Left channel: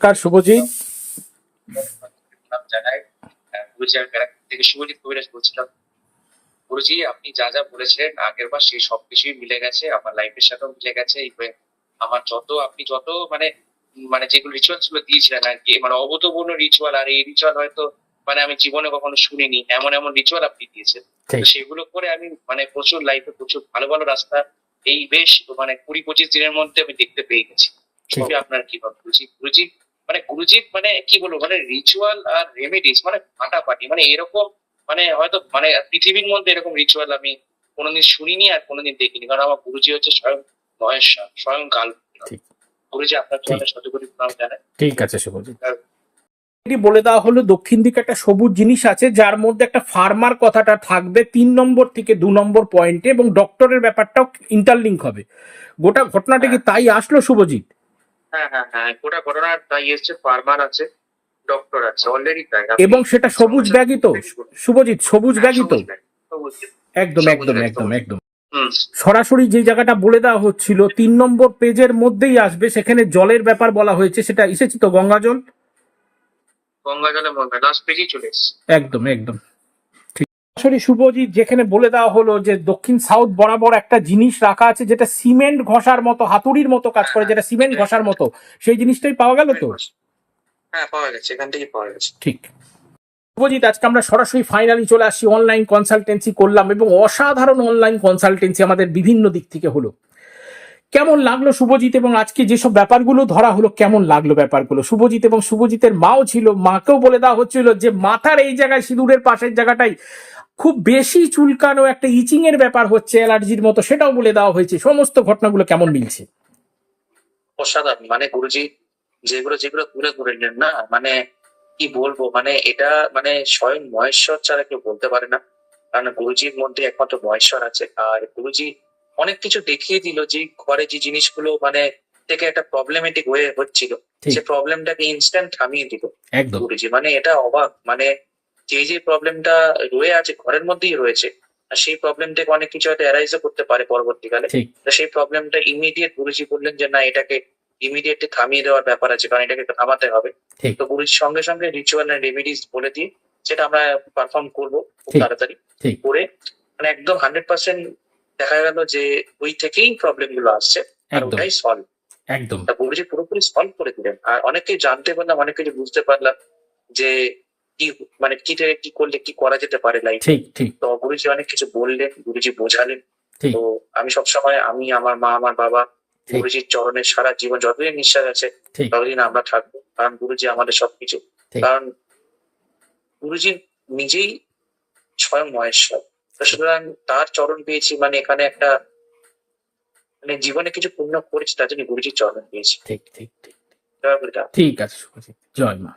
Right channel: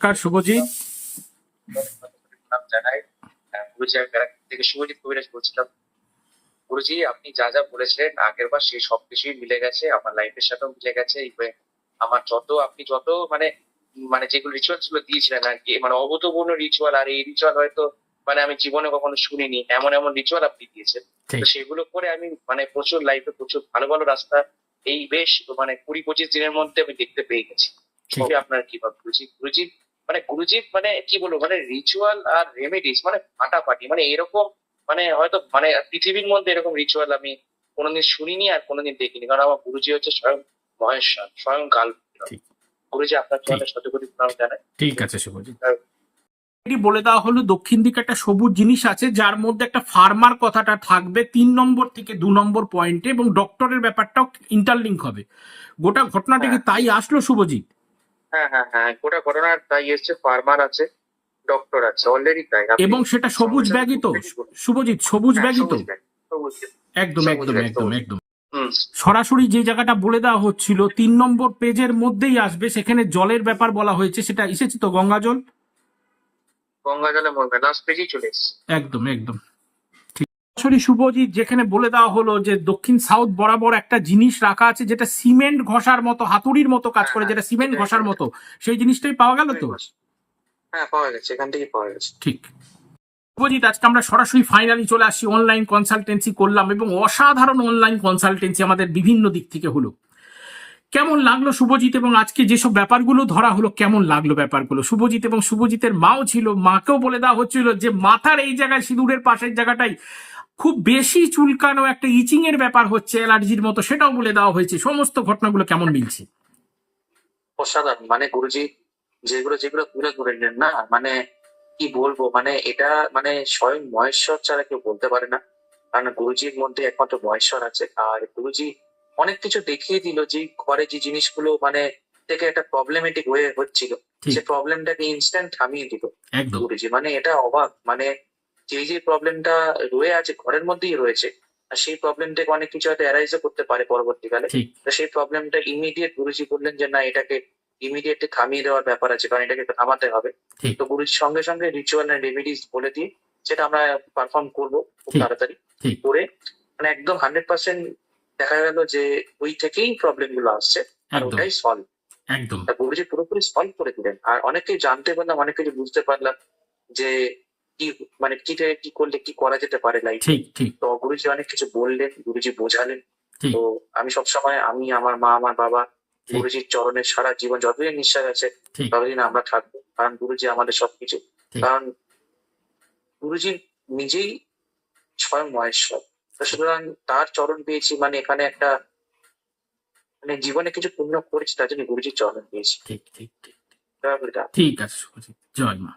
কার শুভজিৎ। জানাই। গুরুজি আমি ব্যারাকপুর থেকে শুভজিৎ কবিরাজ বলছিলাম। গুরুজি আপনি যা যা বলেছেন আগের বার সেই সবকিছুই মিলে গেছে আমার লাইফের সাথেও মিলে গেছে আমার যত আপনি যত মানে মানে যেগুলো রিচুয়ালসগুলো দিয়েছিলেন আর কি মানে অভূতপূর্ণ রিচুয়াল আর এই রিচুয়াল হয়তো মানে আমি জীবনে কখনো শুনিনি এমন এমন রিচুয়াল আপনি দিয়েছেন। তো সেগুলো করে আমি মানে প্রচুর লাইফে প্রচুর ভালো ভালো রাস্তা এই বেশ মানে কুড়ি পঁচিশ দিনের মধ্যে আমি দেখতে পেয়ে গেছি। আপনার কি ভাব গুরুজি গুরুজি মানে গুরুজি মানে কি বলব মানে রিচুয়াল আর রেমেডিস মানে ফাটাফাটি মানে এরকম মানে হয়তো মানে পৃথিবীর মধ্যে এরকম রিচুয়াল আমি কোনোদিন শুনিনি আর কোনোদিন দেখিনি। কারণ আমার গুরুজি হচ্ছে স্বয়ং মহেশ্বর স্বয়ং কাল গুরুজি আপনার চলে শতকোটি প্রণাম জানাই। ঠিক আছে শুভজিৎ। এটি বলে দেওয়া হলো দক্ষিণ দিকে একটা সবুজ জিনিস আছে যার মধ্যে একটা ফার্মার কথাটা থাকবে তিন নম্বর থেকে দু নম্বর পয়েন্টে এবং ডক্টরের ব্যাপারটাও ইন্টারলিঙ্ক হবে। গোটা ঘটনাটা কি তাই আসলো শুভজিৎ? হ্যাঁ হ্যাঁ হ্যাঁ গোটা ঘটনার তাই এসছে ফার্মার আছে ডক্টর আছে অলরেডি তাই এবং সেটা সবুজ ব্যাগই তো। শুভজিৎ সবুজ হ্যাঁ, ব্যাগই তো? ব্যাগ। একদম একদম একদম একদম। সরাসরি যে জায়গাটা বলে দেওয়া হচ্ছিল তিন নম্বর পেজের মধ্যেই আসবে সেখানে জলের ব্যাপার বলা হয়েছে সেটা এসেছে তো গঙ্গা জল গঙ্গা জলে মরবে লাস্ট পেজেই চলে একদম একদম। সরাসরি শুভজিৎ যেখানে বলে দেওয়া হলো যে দক্ষিণ সাউথ বরাবর একটা জিনিস রাখা আছে যেটা সিমেন্ট ঘষার মতো হাতুড়ির মতো কাজ করে যেটা সিমেন্ট ঘষার মতো। সেই জিনিসটাই পাওয়া গেল তো? হ্যাঁ পাওয়া গেছে এখান থেকে পাওয়া গেছে। ঠিক। শুভজিৎ আজকে আমরা সরাসরি ফাইনালি চলে আসছি অনলাইন কনসালটেন্সি করলাম এবং অসাধারণ অনলাইন কনসালটেন্সি আমাদের বিভিন্ন দিক থেকে হলো। কেমন লাগল শুভজিৎ এবং আজকে যেসব ব্যাপারগুলো ধরা হলো কেমন লাগল ব্যাপারগুলো? শুভজিৎ এবং শুভজিতের মাও ছিল মাকেও বলে দেওয়া হচ্ছিল যে মাথার এই জায়গায় সিঁদুরের পাশের জায়গাটাই খুব বেশি চুলকানো একটা ইচিং এর ব্যাপার হচ্ছে অ্যালার্জির মতো সেটাও বলে দেওয়া হয়েছে। সমস্ত ঘটনাগুলো কেমন মিলছে? অসাধারণ। মানে গুরুজি যেগুলো যেগুলো তুলে ধরলেন না মানে কি বলব? মানে এটা মানে স্বয়ং মহেশ্বর ছাড়া কেউ বলতে পারে না। কারণ গুরুজির মধ্যে একমাত্র মহেশ্বর আছে। আর গুরুজি অনেক কিছু দেখিয়ে দিল যে ঘরে যে জিনিসগুলো মানে থেকে একটা প্রবলেমেটিক হয়ে হচ্ছিল। সে প্রবলেমটাকে ইনস্ট্যান্ট থামিয়ে দিল একদম। গুরুজি। মানে এটা অবাক। মানে যে যে প্রবলেমটা রয়ে আছে ঘরের মধ্যেই রয়েছে আর সেই প্রবলেম থেকে অনেক কিছু হয়তো অ্যারাইজও করতে পারে পরবর্তীকালে। তো সেই প্রবলেমটা ইমিডিয়েট গুরুজি বললেন যে না এটাকে ইমিডিয়েটলি থামিয়ে দেওয়ার ব্যাপার আছে কারণ এটাকে থামাতে হবে। তো গুরুজির সঙ্গে সঙ্গে রিচুয়াল এন্ড রেমেডিস বলে দিয়ে সেটা আমরা পারফর্ম করব খুব তাড়াতাড়ি করে। মানে একদম হান্ড্রেড পার্সেন্ট দেখা গেল যে ওই থেকেই প্রবলেমগুলো আসছে আর ওটাই সলভ একদম। গুরুজি পুরোপুরি সলভ করে দিলেন। আর অনেকেই জানতে পারলাম অনেক কিছু বুঝতে পারলাম যে কি মানে কি থেকে কি করলে কি করা যেতে পারে লাইফ ঠিক ঠিক। তো গুরুজি অনেক কিছু বললেন গুরুজি বোঝালেন। তো আমি সবসময় আমি আমার মা আমার বাবা গুরুজির চরণে সারা জীবন যতদিন নিঃশ্বাস আছে ততদিন আমরা থাকব। কারণ গুরুজি আমাদের সবকিছু। কারণ গুরুজি নিজেই স্বয়ং মহেশ্বর। তো সুতরাং তার চরণ পেয়েছি মানে এখানে একটা মানে জীবনে কিছু পুণ্য করেছি তার জন্য গুরুজির চরণ পেয়েছি। ঠিক ঠিক ঠিক। ঠিক। আছে জয় মা।